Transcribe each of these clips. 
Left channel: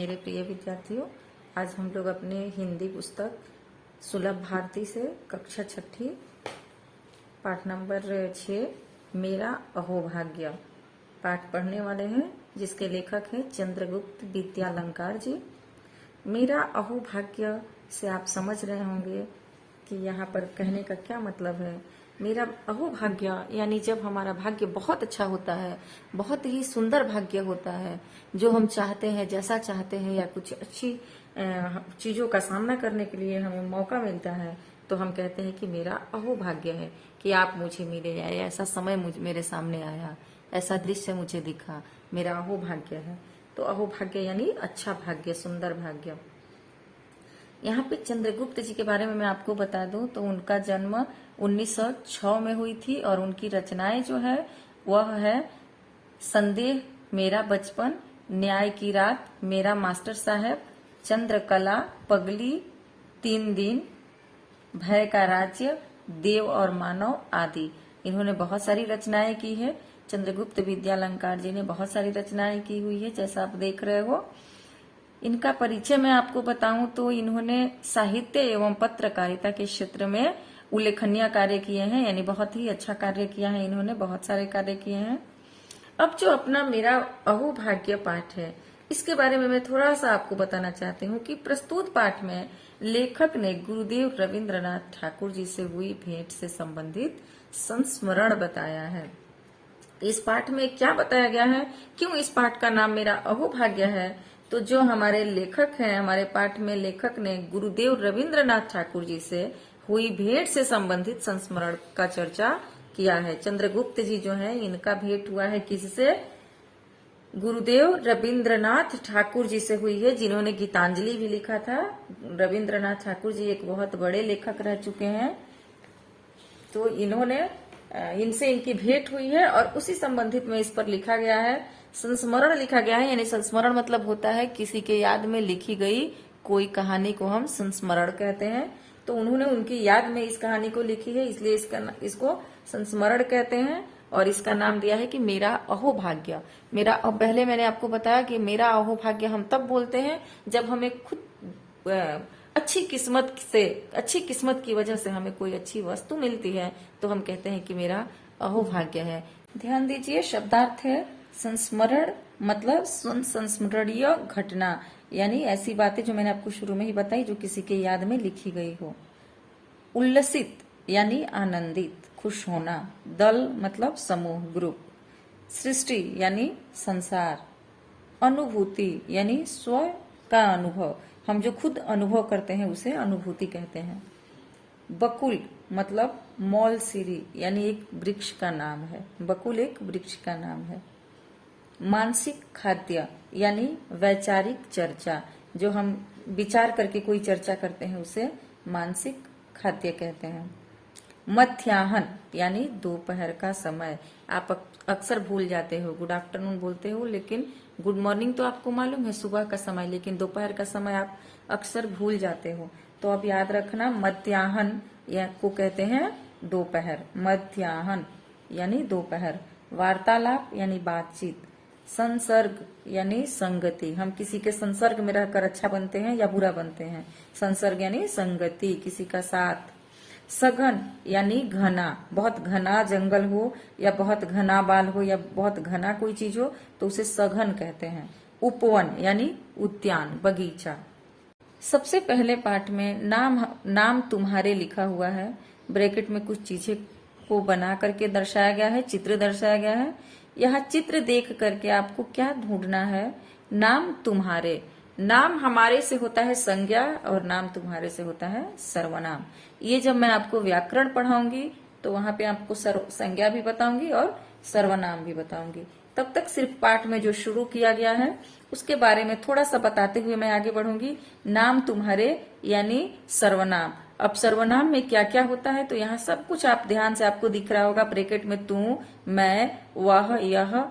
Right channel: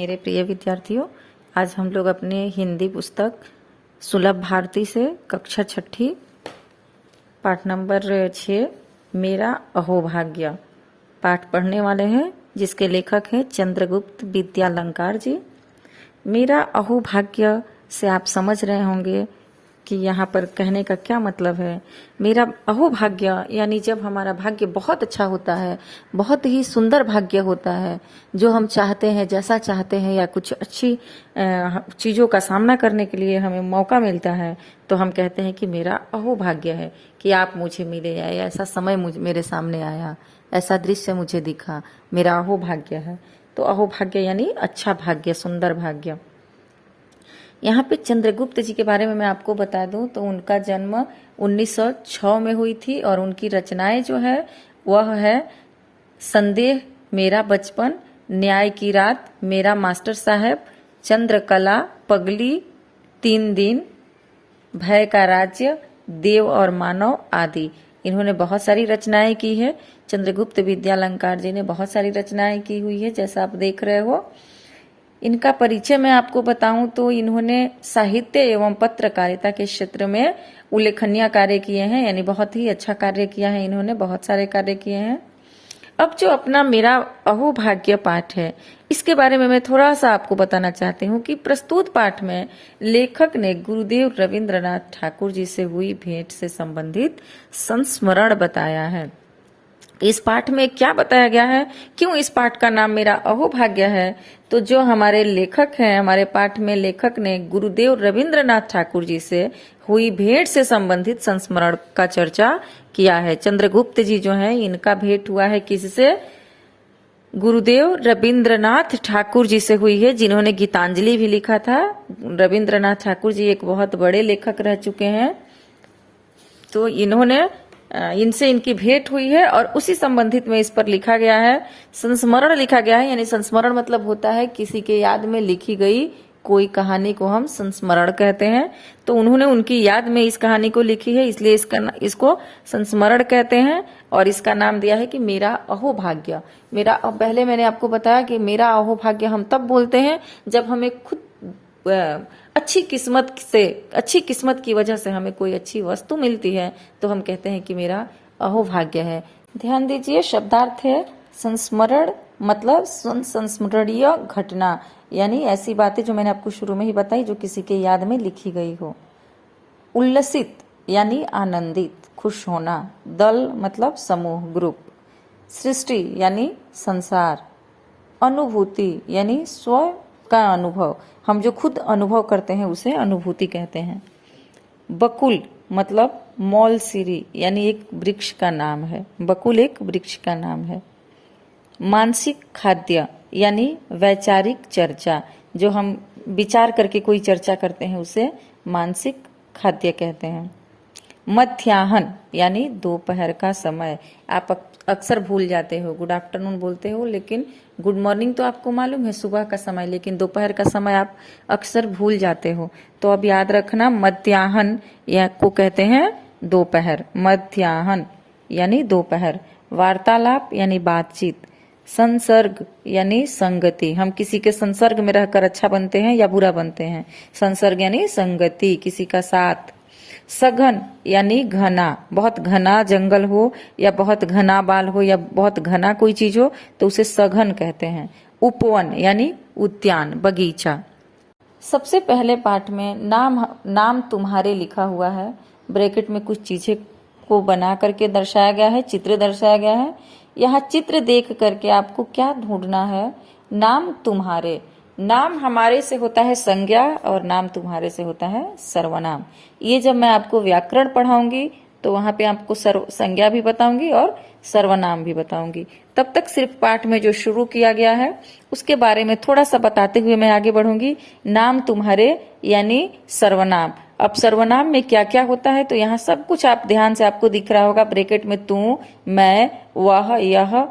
मेरे प्रिय विद्यार्थियों, आज हम लोग अपने हिंदी पुस्तक सुलभ भारती से कक्षा छठी पाठ नंबर 6 मेरा अहोभाग्य पाठ पढ़ने वाले हैं, जिसके लेखक हैं चंद्रगुप्त विद्यालंकार जी। मेरा अहोभाग्य से आप समझ रहे होंगे कि यहाँ पर कहने का क्या मतलब है। मेरा अहोभाग्य यानी जब हमारा भाग्य बहुत अच्छा होता है, बहुत ही सुंदर भाग्य होता है, जो हम चाहते हैं, जैसा चाहते हैं, या कुछ अच्छी चीज़ों का सामना करने के लिए हमें मौका मिलता है, तो हम कहते हैं कि मेरा अहोभाग्य है कि आप मुझे मिले, या ऐसा समय मेरे सामने आया, ऐसा दृश्य मुझे दिखा, मेरा अहोभाग्य है। तो अहोभाग्य यानी अच्छा भाग्य, सुंदर भाग्य। यहाँ पे चंद्रगुप्त जी के बारे में मैं आपको बता दूं तो उनका जन्म 1906 में हुई थी, और उनकी रचनाएं जो है वह है संदेह, मेरा बचपन, न्याय की रात, मेरा मास्टर साहब, चंद्रकला, पगली, 3 दिन, भय का राज्य, देव और मानव आदि। इन्होंने बहुत सारी रचनाएं की है। चंद्रगुप्त विद्यालंकार जी ने बहुत सारी रचनाएं की हुई है, जैसा आप देख रहे हो। इनका परिचय मैं आपको बताऊं तो इन्होंने साहित्य एवं पत्रकारिता के क्षेत्र में उल्लेखनीय कार्य किए हैं, यानी बहुत ही अच्छा कार्य किया है इन्होंने, बहुत सारे कार्य किए हैं। अब जो अपना मेरा अहोभाग्य पाठ है, इसके बारे में मैं थोड़ा सा आपको बताना चाहती हूँ कि प्रस्तुत पाठ में लेखक ने गुरुदेव रविंद्रनाथ ठाकुर जी से हुई भेंट से संबंधित संस्मरण बताया है। इस पाठ में क्या बताया गया है, क्यों इस पाठ का नाम मेरा अहोभाग्य है, तो जो हमारे लेखक हैं, हमारे पाठ में लेखक ने गुरुदेव रविंद्रनाथ ठाकुर जी से हुई भेंट से संबंधित संस्मरण का चर्चा किया है। चंद्रगुप्त जी जो है, इनका भेंट हुआ है किससे? गुरुदेव रविंद्रनाथ ठाकुर जी से हुई है, जिन्होंने गीतांजलि भी लिखा था। रविंद्रनाथ ठाकुर जी एक बहुत बड़े लेखक रह चुके हैं, तो इनसे इनकी भेंट हुई है, और उसी संबंधित में इस पर लिखा गया है, संस्मरण लिखा गया है। यानी संस्मरण मतलब होता है किसी के याद में लिखी गई कोई कहानी को हम संस्मरण कहते हैं। तो उन्होंने उनकी याद में इस कहानी को लिखी है, इसलिए इसको संस्मरण कहते हैं, और इसका नाम दिया है कि मेरा अहोभाग्य। अब पहले मैंने आपको बताया कि मेरा अहोभाग्य हम तब बोलते हैं जब हमें खुद अच्छी किस्मत की वजह से हमें कोई अच्छी वस्तु मिलती है, तो हम कहते हैं कि मेरा अहोभाग्य है। ध्यान दीजिए, शब्दार्थ है संस्मरण, मतलब संस्मरणीय घटना, यानी ऐसी बातें जो मैंने आपको शुरू में ही बताई, जो किसी के याद में लिखी गई हो। उल्लसित यानी आनंदित, खुश होना। दल मतलब समूह, ग्रुप। सृष्टि यानी संसार। अनुभूति यानी स्व का अनुभव, हम जो खुद अनुभव करते हैं उसे अनुभूति कहते हैं। बकुल मतलब मौलसिरी, यानी एक वृक्ष का नाम है। बकुल एक वृक्ष का नाम है। मानसिक खाद्य यानी वैचारिक चर्चा, जो हम विचार करके कोई चर्चा करते हैं उसे मानसिक खाद्य कहते हैं। मध्याह्न यानी दोपहर का समय। आप अक्सर भूल जाते हो, गुड आफ्टरनून बोलते हो, लेकिन गुड मॉर्निंग तो आपको मालूम है सुबह का समय, लेकिन दोपहर का समय आप अक्सर भूल जाते हो। तो अब याद रखना, मध्याह्न या को कहते हैं दोपहर। मध्याह्न यानी दोपहर। वार्तालाप यानी बातचीत। संसर्ग यानी संगति, हम किसी के संसर्ग में रहकर अच्छा बनते हैं या बुरा बनते हैं। संसर्ग यानी संगति, किसी का साथ। सघन यानी घना, बहुत घना जंगल हो, या बहुत घना बाल हो, या बहुत घना कोई चीज हो, तो उसे सघन कहते हैं। उपवन यानी उद्यान, बगीचा। सबसे पहले पाठ में नाम तुम्हारे लिखा हुआ है। ब्रैकेट में कुछ चीजें को बना करके दर्शाया गया है, चित्र दर्शाया गया है। यहाँ चित्र देख करके आपको क्या ढूंढना है? नाम तुम्हारे। नाम हमारे से होता है संज्ञा, और नाम तुम्हारे से होता है सर्वनाम। ये जब मैं आपको व्याकरण पढ़ाऊंगी तो वहां पे आपको संज्ञा भी बताऊंगी और सर्वनाम भी बताऊंगी। तब तक सिर्फ पाठ में जो शुरू किया गया है उसके बारे में थोड़ा सा बताते हुए मैं आगे बढ़ूंगी। नाम तुम्हारे यानी सर्वनाम। अब सर्वनाम में क्या क्या होता है, तो यहाँ सब कुछ आप ध्यान से, आपको दिख रहा होगा ब्रैकेट में, तू, मैं, वह, यह,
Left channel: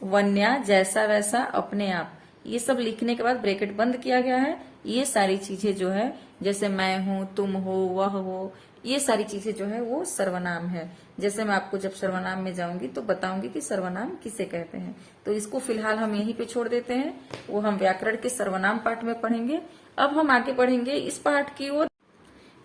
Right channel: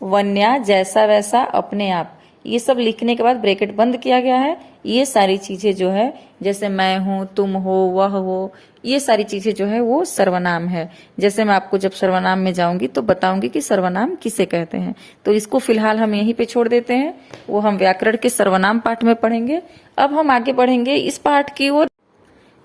वन्या, जैसा वैसा, अपने आप। ये सब लिखने के बाद ब्रैकेट बंद किया गया है। ये सारी चीजें जो है, जैसे मैं हूं, तुम हो, वह हो, ये सारी चीजें जो है वो सर्वनाम है। जैसे मैं आपको जब सर्वनाम में जाऊंगी तो बताऊंगी कि सर्वनाम किसे कहते हैं। तो इसको फिलहाल हम यहीं पे छोड़ देते हैं, वो हम व्याकरण के सर्वनाम पाठ में पढ़ेंगे। अब हम आगे बढ़ेंगे इस पाठ की ओर।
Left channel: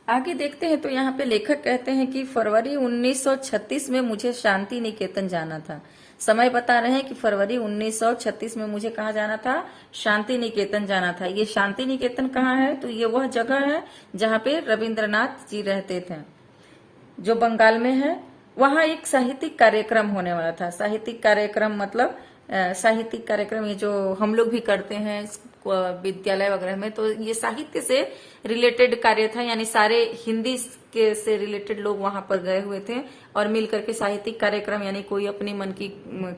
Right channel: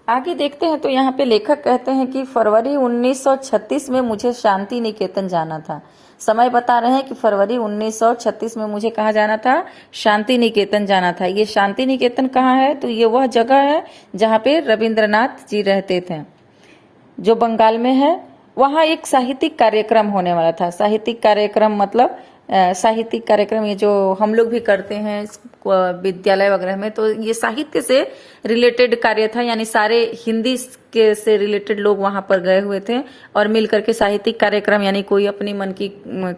आगे देखते हैं तो यहाँ पे लेखक कहते हैं कि फरवरी 1936 में मुझे शांति निकेतन जाना था। समय बता रहे हैं कि फरवरी 1936 में मुझे कहाँ जाना था, शांति निकेतन जाना था। ये शांति निकेतन कहाँ है, तो ये वह जगह है जहाँ पे रविंद्रनाथ जी रहते थे, जो बंगाल में है। वहाँ एक साहित्यिक कार्यक्रम होने वाला था। साहित्यिक कार्यक्रम मतलब साहित्यिक कार्यक्रम ये जो हम लोग भी करते हैं विद्यालय वगैरह में, तो ये साहित्य से रिलेटेड कार्य था, यानी सारे हिंदी के से रिलेटेड लोग वहां पर गए हुए थे और मिलकर के साहित्यिक कार्यक्रम, यानी कोई अपनी मन की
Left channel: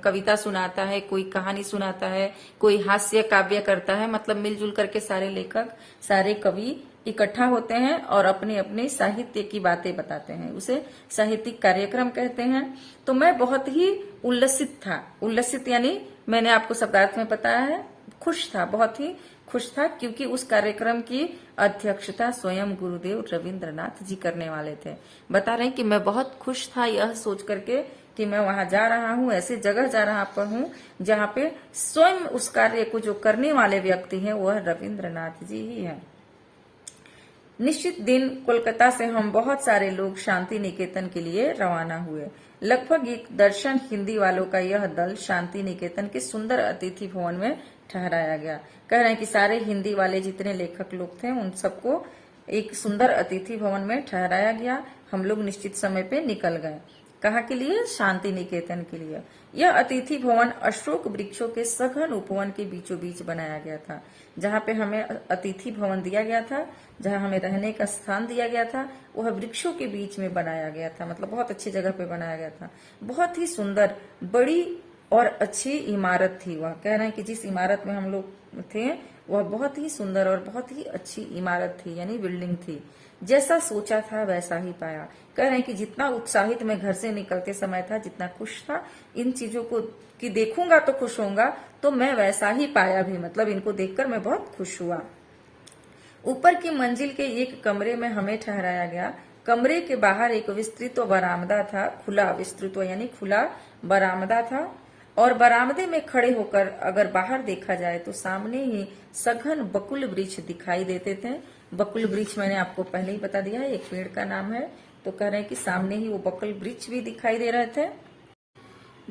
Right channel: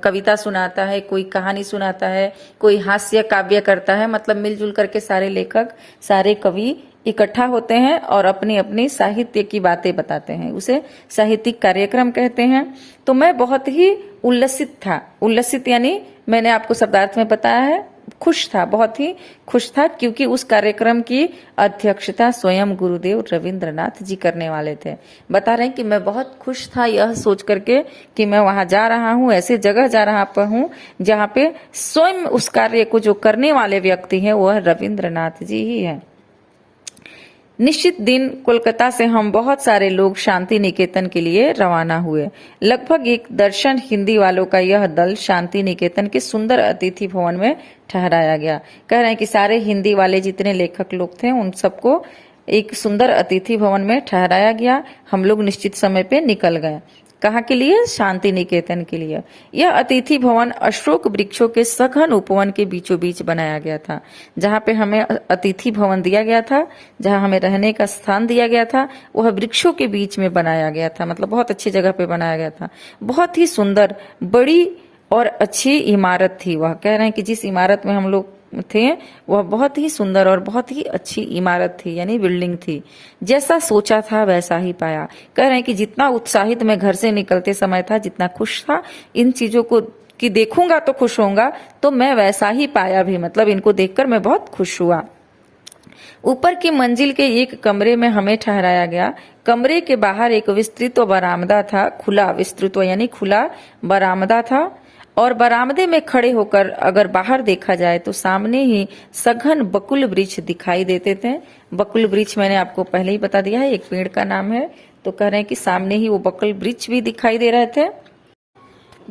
कविता सुनाता है, कोई कहानी सुनाता है, कोई हास्य काव्य करता है, मतलब मिलजुल करके सारे लेखक, सारे कवि इकट्ठा होते हैं और अपनी अपनी साहित्य की बातें बताते हैं, उसे साहित्यिक कार्यक्रम कहते हैं। तो मैं बहुत ही उल्लसित था। उल्लसित यानी मैंने आपको शब्दार्थ में बताया है, खुश था, बहुत ही खुश था, क्योंकि उस कार्यक्रम की अध्यक्षता स्वयं गुरुदेव रविंद्रनाथ जी करने वाले थे। बता रहे हैं कि मैं बहुत खुश था यह सोच करके कि मैं वहां जा रहा हूं, ऐसे जगह जा रहा हूं जहां पे स्वयं उस कार्य को जो करने वाले व्यक्ति हैं वह रविंद्रनाथ जी ही है। निश्चित दिन कोलकाता से हम बहुत सारे लोग शांति निकेतन के लिए रवाना हुए। लगभग एक दर्जन हिंदी वालों का यह दल शांति निकेतन के सुंदर अतिथि भवन में ठहराया गया। कह रहे हैं कि सारे हिंदी वाले जितने लेखक लोग थे उन सबको एक सुंदर अतिथि भवन में ठहराया गया। हम लोग निश्चित समय पे निकल गए। कहाँ के लिए, शांति निकेतन के लिए। यह अतिथि भवन अशोक वृक्षों के सघन उपवन के बीचों बीच बनाया गया था। जहाँ पे हमें अतिथि भवन दिया गया था, जहाँ हमें रहने का स्थान दिया गया था, वह वृक्षों के बीच में बनाया गया था, मतलब बहुत अच्छी जगह पे बनाया गया था। बहुत ही सुंदर, बड़ी और अच्छी इमारत थी वह। कह रहे हैं कि जिस इमारत में हम लोग थे वह बहुत ही सुंदर और बहुत ही अच्छी इमारत थी, यानी बिल्डिंग थी। जैसा सोचा था वैसा ही पाया। कह रहे हैं कि जितना उत्साहित मैं घर से निकलते समय था, जितना खुश था इन चीजों को कि देखूंगा तो खुश होऊंगा, तो मैं वैसा ही पाया भी, मतलब इनको देखकर मैं बहुत खुश हुआ। ऊपर की मंजिल के एक कमरे में हमें ठहराया गया। कमरे के बाहर एक विस्तृत बरामदा था, खुला विस्तृत यानी खुला बरामदा था, और बरामदे में खड़े होकर अगर बाहर देखा जाए तो सामने ही सघन बकुल वृक्ष दिखाई देते थे। बकुल वृक्ष मैंने आपको पहले ही बता दिया है, एक पेड़ का नाम है। तो कह रहे हैं कि सामने ही वो बकुल वृक्ष भी दिखाई दे रहे थे।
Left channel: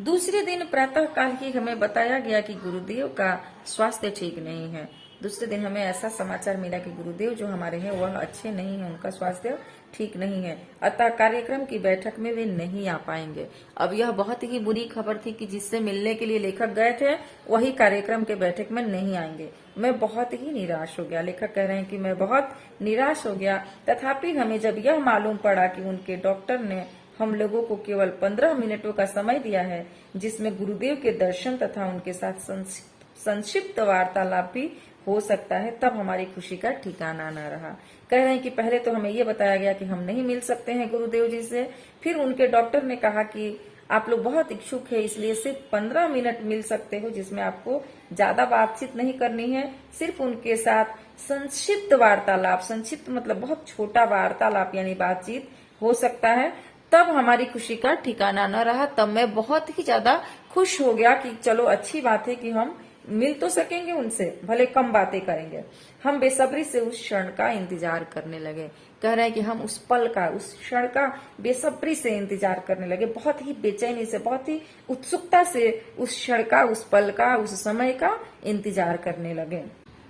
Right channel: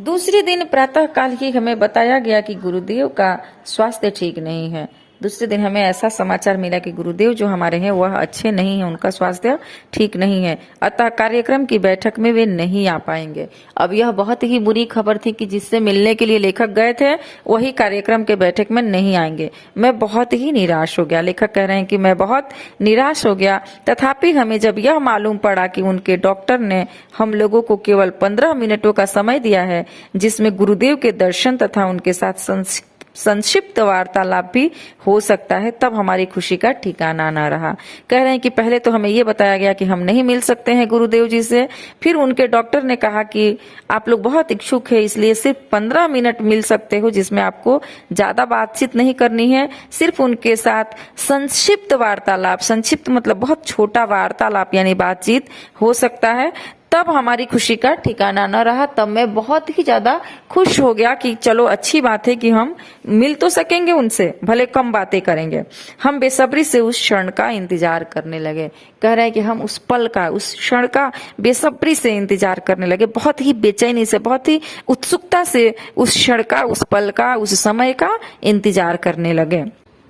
दूसरे दिन प्रातः काल ही हमें बताया गया कि गुरुदेव का स्वास्थ्य ठीक नहीं है। दूसरे दिन हमें ऐसा समाचार मिला कि गुरुदेव जो हमारे हैं वह अच्छे नहीं हैं, उनका स्वास्थ्य ठीक नहीं है, अतः कार्यक्रम की बैठक में वे नहीं आ पाएंगे। अब यह बहुत ही बुरी खबर थी कि जिससे मिलने के लिए लेखक गए थे वही कार्यक्रम के बैठक में नहीं आएंगे। मैं बहुत ही निराश हो गया। लेखक कह रहे हैं कि मैं बहुत निराश हो गया। तथापि हमें जब यह मालूम पड़ा कि उनके डॉक्टर ने हम लोगों को केवल 15 मिनटों का समय दिया है, जिसमें गुरुदेव के दर्शन तथा उनके साथ संक्षिप्त वार्तालाप भी हो सकता है, तब हमारी खुशी का ठिकाना ना रहा। कह रहे हैं कि पहले तो हमें ये बताया गया कि हम नहीं मिल सकते हैं गुरुदेव जी से। फिर उनके डॉक्टर ने कहा कि आप लोग बहुत इच्छुक है, इसलिए सिर्फ 15 मिनट मिल सकते हो, जिसमें आपको ज्यादा बातचीत नहीं करनी है, सिर्फ उनके साथ संक्षिप्त वार्तालाप, संक्षिप्त मतलब बहुत छोटा वार्तालाप यानी बातचीत हो सकता है। तब हमारी खुशी का ठिकाना न रहा। तब मैं बहुत ही ज्यादा खुश हो गया कि चलो अच्छी बात है कि हम मिल तो सकेंगे उनसे, भले कम बातें करेंगे। हम बेसब्री से उस क्षण का इंतजार करने लगे। कह रहे हैं कि हम उस पल का, उस क्षण का बेसब्री से इंतजार करने लगे, बहुत ही बेचैनी से, बहुत ही उत्सुकता से उस क्षण का, उस पल का, उस समय का इंतजार करने लगे।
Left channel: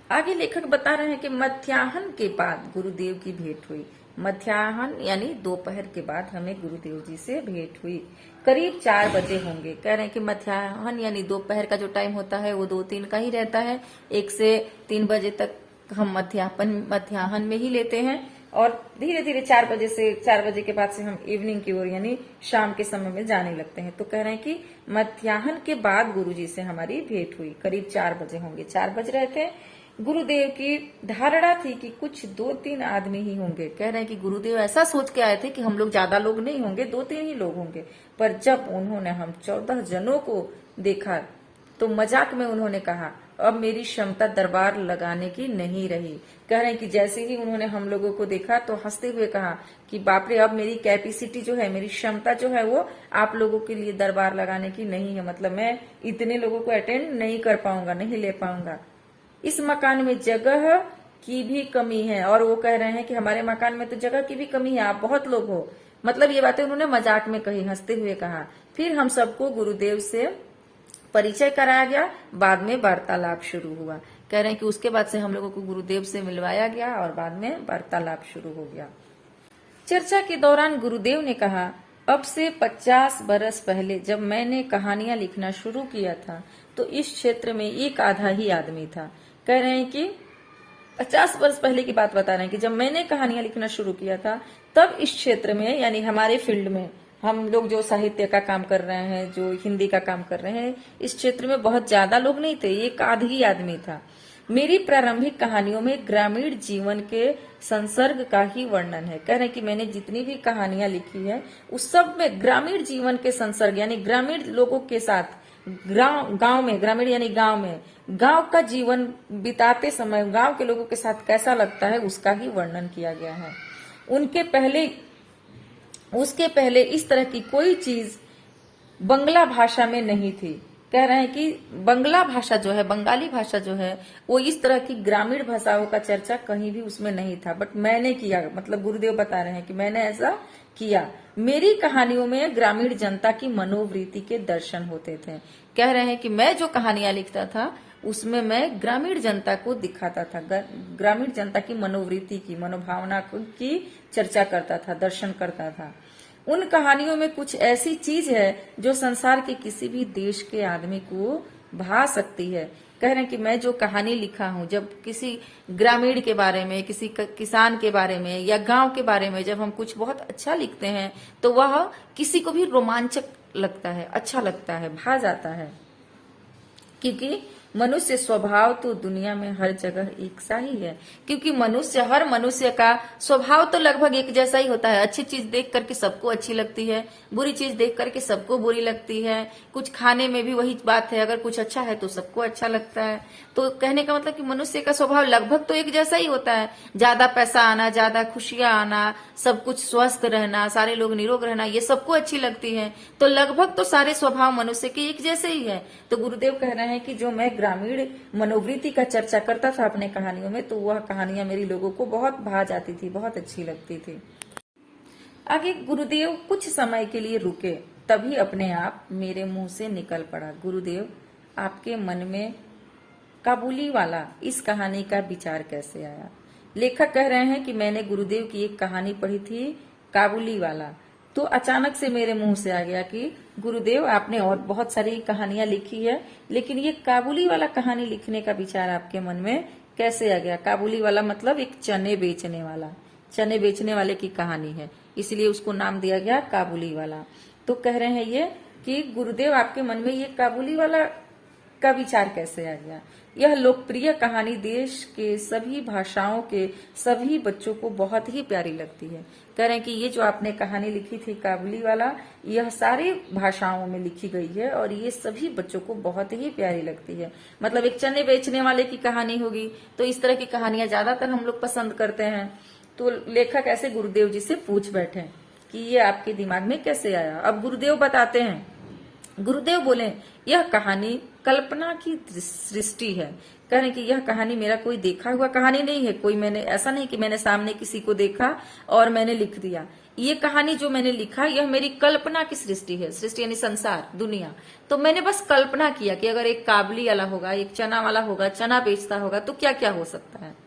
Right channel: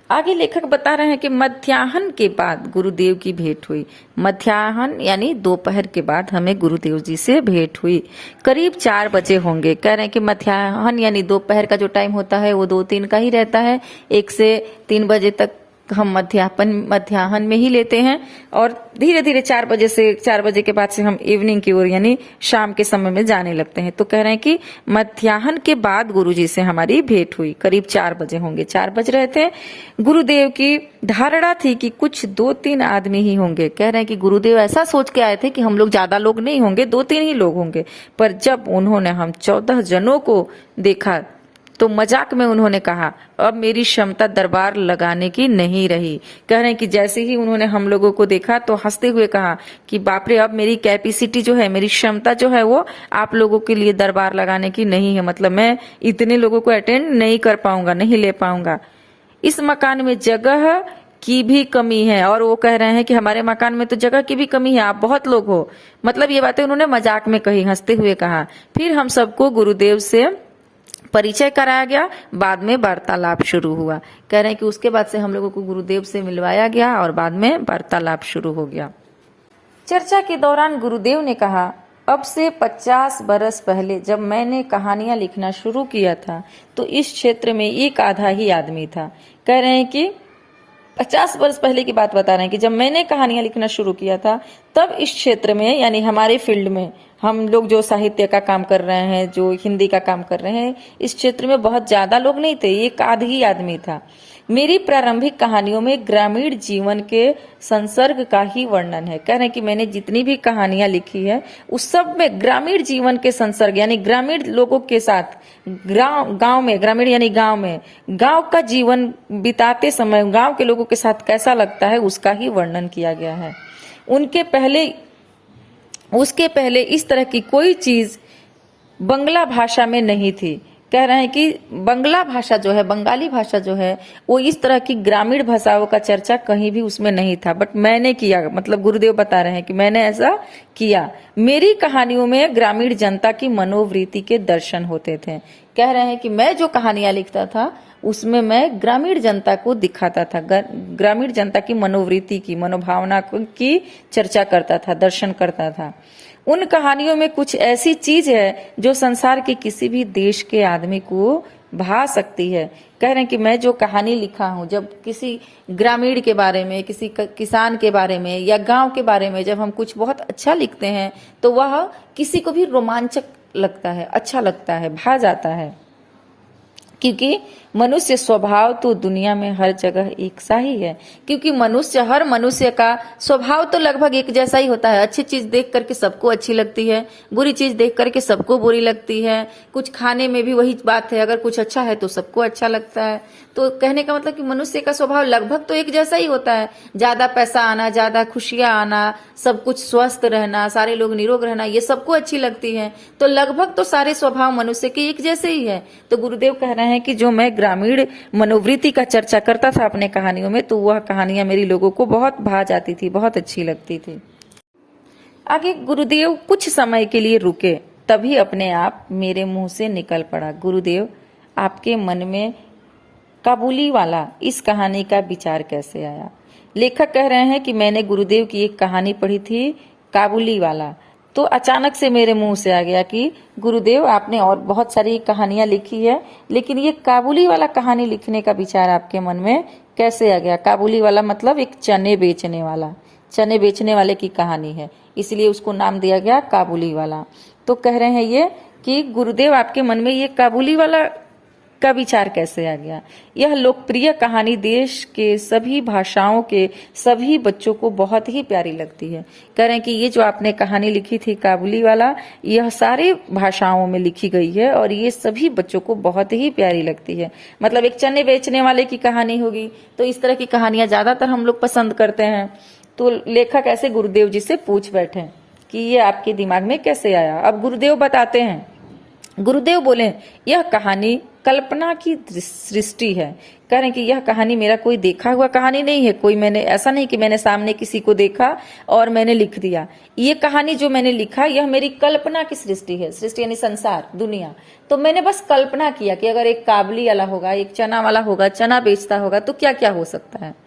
आगे लेखक बता रहे हैं कि मध्याह्न के बाद गुरुदेव की भेंट हुई। मध्याह्न यानी दोपहर के बाद हमें गुरुदेव जी से भेंट हुई। करीब 4 बजे होंगे। कह रहे हैं कि मध्याह्न यानी दोपहर का जो टाइम होता है वो 2-3 का ही रहता है। 1 से 3 बजे तक हम मध्याह्न में ही लेते हैं, और धीरे धीरे 4 बजे के बाद से हम इवनिंग की ओर यानी शाम के समय में जाने लगते हैं। तो कह रहे हैं कि मध्याह्न के बाद गुरुजी से हमारी भेंट हुई। करीब 4 बजे होंगे, 4 बज रहे थे। गुरुदेव की धारणा थी कि कुछ 2-3 आदमी ही होंगे। कह रहे हैं कि गुरुदेव ऐसा सोच के आए थे कि हम लोग ज्यादा लोग नहीं होंगे, 2-3 ही लोग होंगे। पर जब उन्होंने हम 14 जनों को देखा तो मजाक में उन्होंने कहा, अब मेरी क्षमता दरबार लगाने की नहीं रही। कह रहे हैं कि जैसे ही उन्होंने हम लोगों को देखा तो हंसते हुए कहा कि बाप रे, अब मेरी कैपेसिटी जो है, मेरी क्षमता जो है वो आप लोगों के लिए दरबार लगाने की नहीं है। मतलब मैं इतने लोगों को अटेंड नहीं कर पाऊंगा, नहीं ले पाऊंगा। इस मकान में जगह की भी कमी है। और वो कह रहे हैं कि हमारे मकान में तो जगह की भी कमी है, आप बहुत लोग हो। मतलब ये बातें उन्होंने मजाक में कही, हंसते हुए कहा। फिर हम सबको गुरुदेव से परिचय कराया गया, बाद में वार्तालाप शुरू हुआ। कह रहे हैं कि उसके बाद से हम लोगों को गुरुदेव से मिलवाया गया और बाद में वार्तालाप शुरू हो गया। चर्चा के दौरान गुरुदेव ने कहा, अब से 50 बरस पहले जब मैंने कहानियां लिखना शुरू किया था तो इस क्षेत्र में एक आधा ही आदमी था। कह रहे हैं कि 50 वर्ष पहले की बात बता रहे हैं कि जब मैंने कहानियां लिखना शुरू किया था तब इस क्षेत्र में, यानी हमारे फील्ड में, हम लोग जो साहित्य का काम कर रहे हैं, जो हिंदी का काम कर रहे हैं, इस क्षेत्र में बहुत ज्यादा लोग नहीं थे, एक आध ही आदमी था। मेरी प्रारंभिक कहानियों में ग्रामीण जीवन के संसर्ग का ही वर्णन है। कह रहे हैं कि मैंने जितनी भी कहानियां लिखी है उस सब में ग्रामीण जीवन के संसर्ग, यानी ग्रामीण लोगों के साथ, गांव में, ग्रामीण यानी गांव में, गांव का जीवन बिताते समय गांव के लोगों के साथ कैसा लगता है उसका ही वर्णन किया गया है। उसके पहले इस तरह की कोई चीज बंगला भाषा में नहीं थी। कह रहे हैं कि बंगला भाषा जो है, बंगाली भाषा जो है, वो इस तरह की ग्रामीण भाषाओं का चर्चा कहीं भी उसमें नहीं था, बट मैंने किया। मतलब गुरुदेव बता रहे हैं कि मैंने ऐसा किया। मेरी कहानियों में ग्रामीण जनता की मनोवृत्ति के दर्शन होते थे। कह रहे हैं कि मैं जो कहानियां लिखता था उसमें मैं ग्रामीण जनता को दिखाता था, ग्रामीण जनता की मनोवृत्ति की, मनोभावना की चर्चा करता था, दर्शन करता था। उन कहानियों में कुछ ऐसी चीज है जो संसार के किसी भी देश के आदमी को भा सकती है। कह रहे हैं कि मैं जो कहानी लिखा हूं, जब किसी ग्रामीण के बारे में, किसी किसान के बारे में या गांव के बारे में जब हम कुछ बहुत अच्छा लिखते हैं तो वह किसी को भी रोमांचक लगता है, अच्छा लगता है, भा जाता है। क्योंकि मनुष्य स्वभाव तो दुनिया में हर जगह एक सा ही है। क्योंकि हर मनुष्य का स्वभाव तो लगभग एक जैसा ही होता है। अच्छी चीज देख करके सबको अच्छी लगती है, बुरी चीज देख करके सबको बुरी लगती है। कुछ खाने में भी वही बात है, अगर कुछ अच्छा है तो सबको अच्छा लगता है। तो कहने का मतलब कि मनुष्य का स्वभाव लगभग तो एक जैसा ही होता है। ज्यादा पैसा आना, ज्यादा खुशियां आना, सब कुछ स्वस्थ रहना, सारे लोग निरोग रहना, ये सबको अच्छी लगती है। तो लगभग तो सारे स्वभाव मनुष्य के एक जैसे ही है। तो गुरुदेव कह रहे हैं कि जो मैं ग्रामीण मनोवृत्ति का चर्चा करता था अपने कहानियों में, तो वह कहानियां मेरी लोगों को बहुत भा जाती थी, बहुत अच्छी लगती थी। आगे गुरुदेव कुछ समय के लिए रुके, तभी अपने आप मेरे मुंह से निकल पड़ा, गुरुदेव आपके मन में काबुली वाला इस कहानी का विचार कैसे आया। लेखक कह रहे हैं कि मैंने गुरुदेव की एक कहानी पढ़ी थी, काबुली वाला, तो अचानक से मेरे मुंह से आ गया कि गुरुदेव आपने और बहुत सारी कहानियां लिखी है, लेकिन ये काबुली वाला कहानी लिखने का विचार आपके मन में कैसे आ गया। काबुली वाला मतलब एक चने बेचने वाला, चने बेचने वाले की कहानी है, इसलिए उसको नाम दिया गया काबुली वाला। तो कह रहे हैं ये कि गुरुदेव आपके मन में ये काबुली वाला का विचार कैसे आ गया। यह लोकप्रिय कहानी देश के सभी भाषाओं के सभी बच्चों को बहुत ही प्यारी लगती है। कह रहे हैं कि ये जो आपने कहानी लिखी थी काबुली वाला, यह सारी भाषाओं में लिखी गई है और ये सभी बच्चों को बहुत ही प्यारी लगती है। मतलब एक चने बेचने वाले की कहानी होगी, तो इस तरह की कहानियां ज्यादातर हम लोग पसंद करते हैं। तो लेखक ऐसे गुरुदेव जी से पूछ बैठे कि ये आपके दिमाग में कैसे आया। अब गुरुदेव बताते हैं, गुरुदेव बोले यह कहानी कल्पना की सृष्टि है। कह रहे हैं कि यह कहानी मेरा कोई देखा हुआ कहानी नहीं है, कोई मैंने ऐसा नहीं कि मैंने सामने किसी को देखा और मैंने लिख दिया। ये कहानी जो मैंने लिखा यह मेरी कल्पना की सृष्टि है। सृष्टि यानी संसार, दुनिया। तो मैंने बस कल्पना किया कि अगर एक काबुली वाला होगा, एक चना वाला होगा, चना बेचता होगा, तो क्या क्या हो सकता है।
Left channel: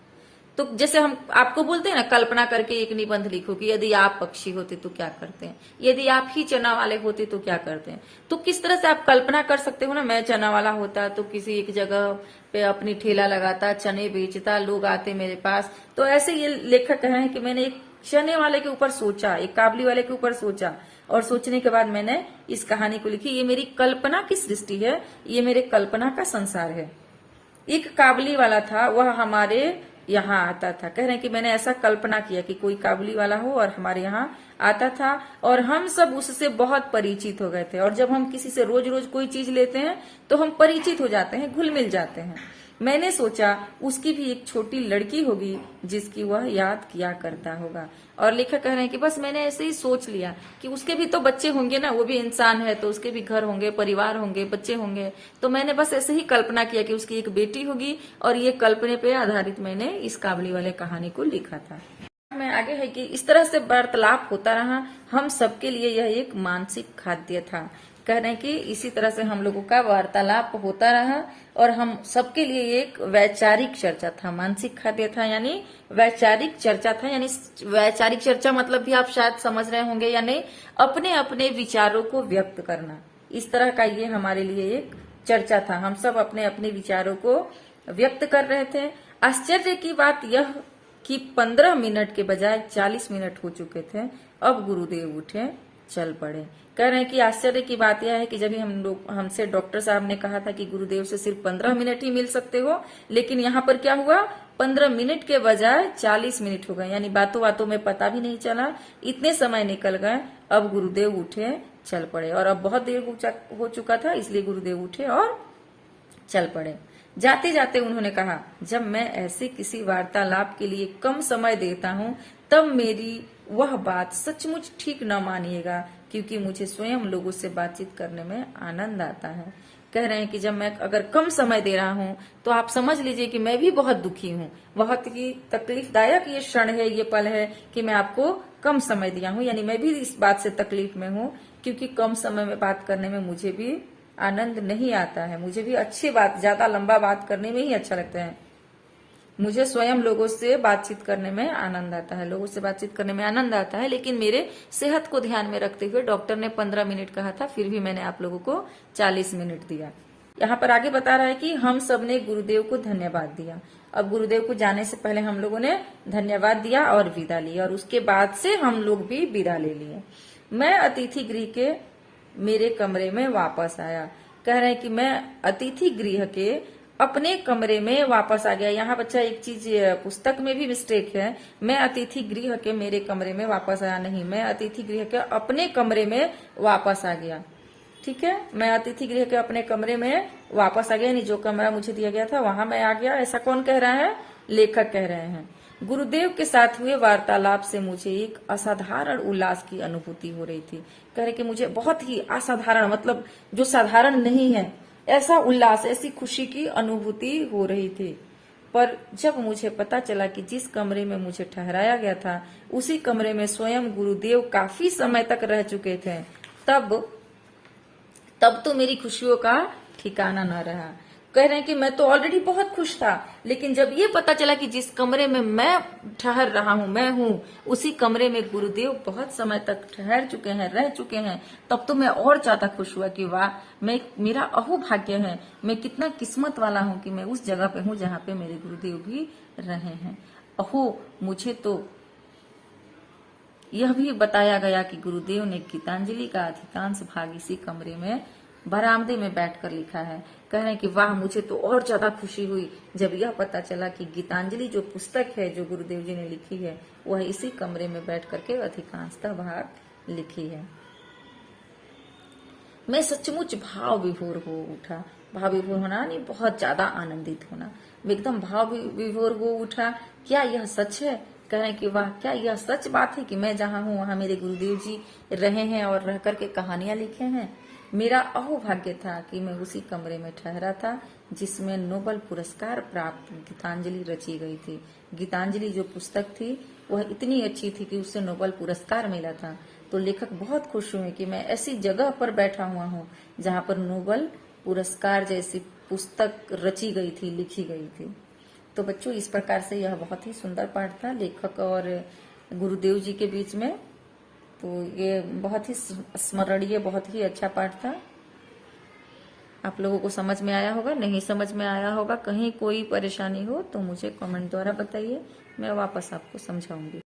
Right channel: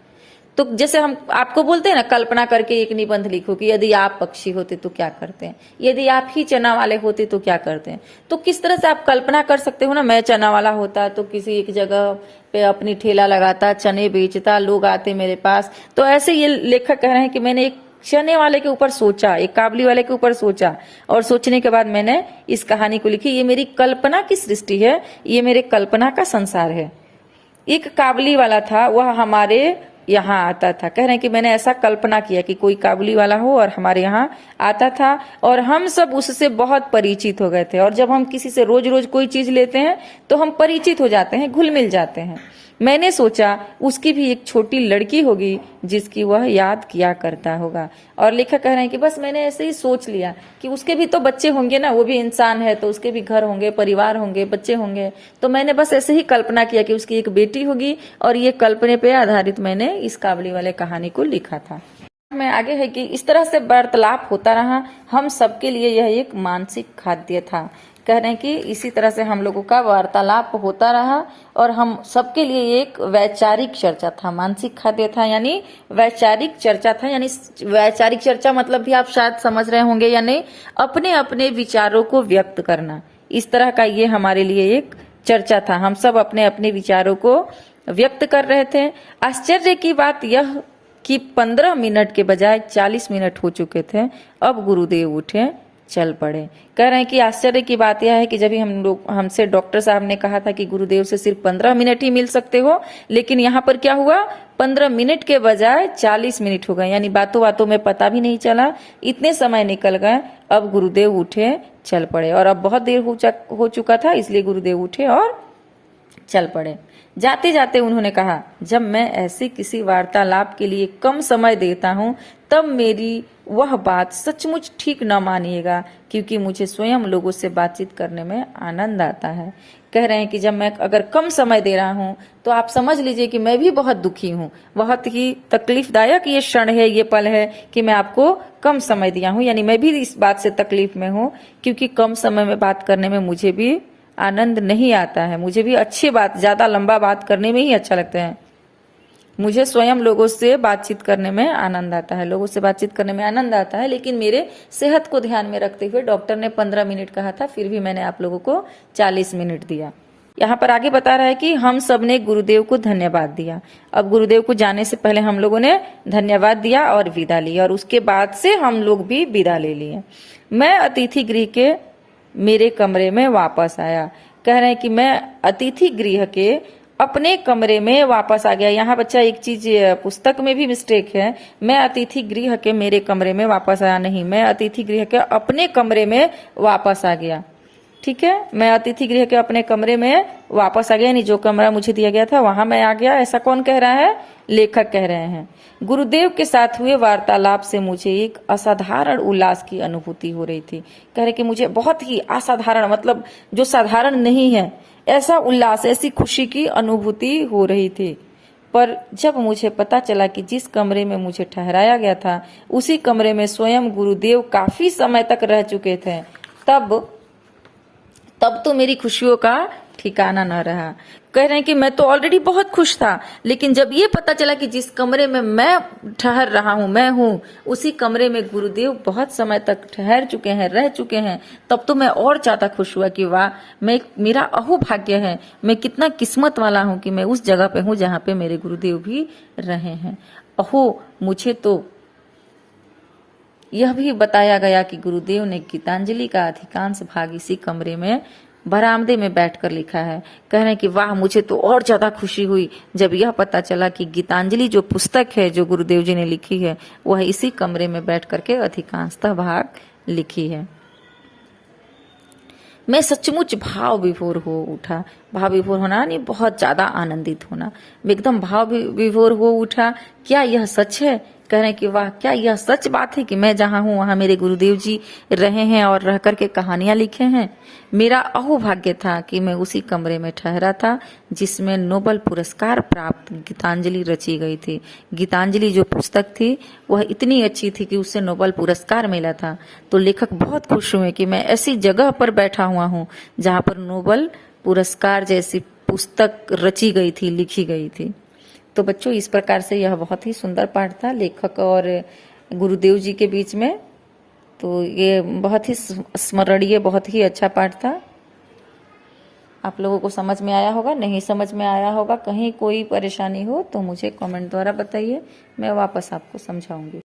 तो जैसे हम आपको बोलते हैं ना, कल्पना करके एक निबंध लिखो कि यदि आप पक्षी होते तो क्या करते हैं, यदि आप ही चना वाले होते तो क्या करते हैं। तो किस तरह से आप कल्पना कर सकते हो ना, मैं चना वाला होता तो किसी एक जगह पे अपनी ठेला लगाता, चने बेचता, लोग आते मेरे पास। तो ऐसे ये लेखक कह रहे हैं कि मैंने एक चने वाले के ऊपर सोचा, एक काबुली वाले के ऊपर सोचा, और सोचने के बाद मैंने इस कहानी को लिखी। ये मेरी कल्पना की सृष्टि है, ये मेरे कल्पना का संसार है। एक काबुली वाला था, वह हमारे यहाँ आता था। कह रहे हैं कि मैंने ऐसा कल्पना किया कि कोई काबुली वाला हो और हमारे यहाँ आता था और हम सब उससे बहुत परिचित हो गए थे। और जब हम किसी से रोज रोज कोई चीज लेते हैं तो हम परिचित हो जाते हैं, घुल मिल जाते हैं। मैंने सोचा उसकी भी एक छोटी लड़की होगी जिसकी वह याद किया करता होगा। और लेखक कह रहे हैं कि बस मैंने ऐसे ही सोच लिया कि उसके भी तो बच्चे होंगे ना, वो भी इंसान है तो उसके भी घर होंगे, परिवार होंगे, बच्चे होंगे। तो मैंने बस ऐसे ही कल्पना किया कि उसकी एक बेटी होगी और ये कल्पना पे आधारित मैंने इस काबुली वाले कहानी को लिखा था। में आगे है कि इस तरह से वार्तालाप होता रहा, हम सबके लिए यह एक मानसिक खाद्य था। कह रहे हैं कि इसी तरह से हम लोगों का वार्तालाप होता रहा और हम सबके लिए एक वैचारिक चर्चा था। मानसिक खाद्य था यानी वैचारिक चर्चा था, यानी वैचारिक चर्चा मतलब भी आप शायद समझ रहे होंगे या नहीं, अपने अपने विचारों को व्यक्त करना। इस तरह का ये हमारे लिए एक चर्चा था। हम सब अपने अपने विचारों को व्यक्त कर रहे थे। आश्चर्य की बात यह कि 15 मिनट के बजाय 40 मिनट हो चुके थे। अब गुरुदेव उठे, चल पड़े। कह रहे हैं कि आश्चर्य की बात यह है कि जब हमसे डॉक्टर साहब ने कहा था कि गुरुदेव से सिर्फ 15 मिनट ही मिल सकते हो, लेकिन यहाँ पर क्या हुआ, 15 मिनट के बजाय 40 मिनट हो गए। यानी बातों बातों में पता भी नहीं चला, इतने समय निकल गए। अब गुरुदेव उठे, चल पड़े। और अब बहुत देर हो चुका था, इसलिए गुरुदेव उठे और चल पड़े। जाते जाते उन्होंने कहा, जब मैं ऐसे किसी वार्तालाप के लिए कम समय देता हूँ तब मेरी वह बात सचमुच ठीक न मानिएगा, क्योंकि मुझे स्वयं लोगों से बातचीत करने में आनंद आता है। कह रहे हैं कि जब मैं अगर कम समय दे रहा हूँ तो आप समझ लीजिए कि मैं भी बहुत दुखी हूँ। बहुत ही तकलीफदायक ये क्षण है, ये पल है कि मैं आपको कम समय दिया हूँ। यानी मैं भी इस बात से तकलीफ में हूँ, क्योंकि कम समय में बात करने में मुझे भी आनंद नहीं आता है। मुझे भी अच्छी बात, ज्यादा लंबा बात करने में ही अच्छा लगता है। मुझे स्वयं लोगों से बातचीत करने में आनंद आता है, लोगों से बातचीत करने में आनंद आता है। लेकिन मेरे सेहत को ध्यान में रखते हुए डॉक्टर ने 15 मिनट कहा था, फिर भी मैंने आप लोगों को 40 मिनट दिया। यहाँ पर आगे बता रहा है कि हम सब ने गुरुदेव को धन्यवाद दिया। अब गुरुदेव को जाने से पहले हम लोगों ने धन्यवाद दिया और विदा ली, और उसके बाद से हम लोग भी विदा ले लिए। मैं अतिथि गृह के मेरे कमरे में वापस आया। कह रहे हैं कि मैं अतिथि गृह के अपने कमरे में वापस आ गया। यहाँ बच्चा एक चीज पुस्तक में भी मिस्टेक है, मैं अतिथि गृह के मेरे कमरे में वापस आया नहीं, मैं अतिथि गृह के अपने कमरे में वापस आ गया। ठीक है, मैं अतिथि गृह के अपने कमरे में वापस आ गया, यानी जो कमरा मुझे दिया गया था वहां मैं आ गया। ऐसा कौन कह रहा है, लेखक कह रहे हैं। गुरुदेव के साथ हुए वार्तालाप से मुझे एक असाधारण उल्लास की अनुभूति हो रही थी। कह रहे कि मुझे बहुत ही असाधारण, मतलब जो साधारण नहीं है, ऐसा उल्लास, ऐसी खुशी की अनुभूति हो रही थी। पर जब मुझे पता चला कि जिस कमरे में मुझे ठहराया गया था उसी कमरे में स्वयं गुरुदेव काफी समय तक रह चुके थे, तब तो मेरी खुशियों का ठिकाना न रहा। कह रहे हैं कि मैं तो ऑलरेडी बहुत खुश था, लेकिन जब ये पता चला कि जिस कमरे में मैं ठहर रहा हूँ, मैं हूँ, उसी कमरे में गुरुदेव बहुत समय तक ठहर चुके हैं, रह चुके हैं, तब तो मैं और ज्यादा खुश हुआ कि वाह, मेरा अहोभाग्य है, मैं कितना किस्मत वाला हूँ कि मैं उस जगह पे हूँ जहाँ पे मेरे गुरुदेव भी रहे हैं। अहो, मुझे तो यह भी बताया गया कि गुरुदेव ने गीतांजलि का अधिकांश भाग इसी कमरे में बरामदे में बैठकर लिखा है। कह रहे हैं कि वाह, मुझे तो और ज्यादा खुशी हुई जब यह पता चला कि गीतांजलि जो पुस्तक है जो गुरुदेव जी ने लिखी है वह इसी कमरे में बैठ करके अधिकांशतः भाग लिखी है। मैं सचमुच भाव विभोर हो उठा। भाव विभोर होना यानी बहुत ज्यादा आनंदित होना, एकदम भाव विभोर हो उठा। क्या यह सच है? कह रहे हैं कि वाह, क्या यह सच बात है कि मैं जहां हूं वहां मेरे गुरुदेव जी रहे हैं और रह करके कहानियां लिखे हैं। मेरा अहोभाग्य था कि मैं उसी कमरे में ठहरा था जिसमें नोबेल पुरस्कार प्राप्त गीतांजलि रची गई थी। गीतांजलि जो पुस्तक थी वह इतनी अच्छी थी कि उससे नोबेल पुरस्कार मिला था। तो लेखक बहुत खुश हुए कि मैं ऐसी जगह पर बैठा हुआ हूँ जहां पर नोबेल पुरस्कार जैसी पुस्तक रची गई थी, लिखी गई थी। तो बच्चों, इस प्रकार से यह बहुत ही सुंदर पाठ था लेखक और गुरुदेव जी के बीच में। तो ये बहुत ही स्मरणीय, बहुत ही अच्छा पाठ था। आप लोगों को समझ में आया होगा, नहीं समझ में आया होगा, कहीं कोई परेशानी हो तो मुझे कमेंट द्वारा बताइए, मैं वापस आपको समझाऊंगी।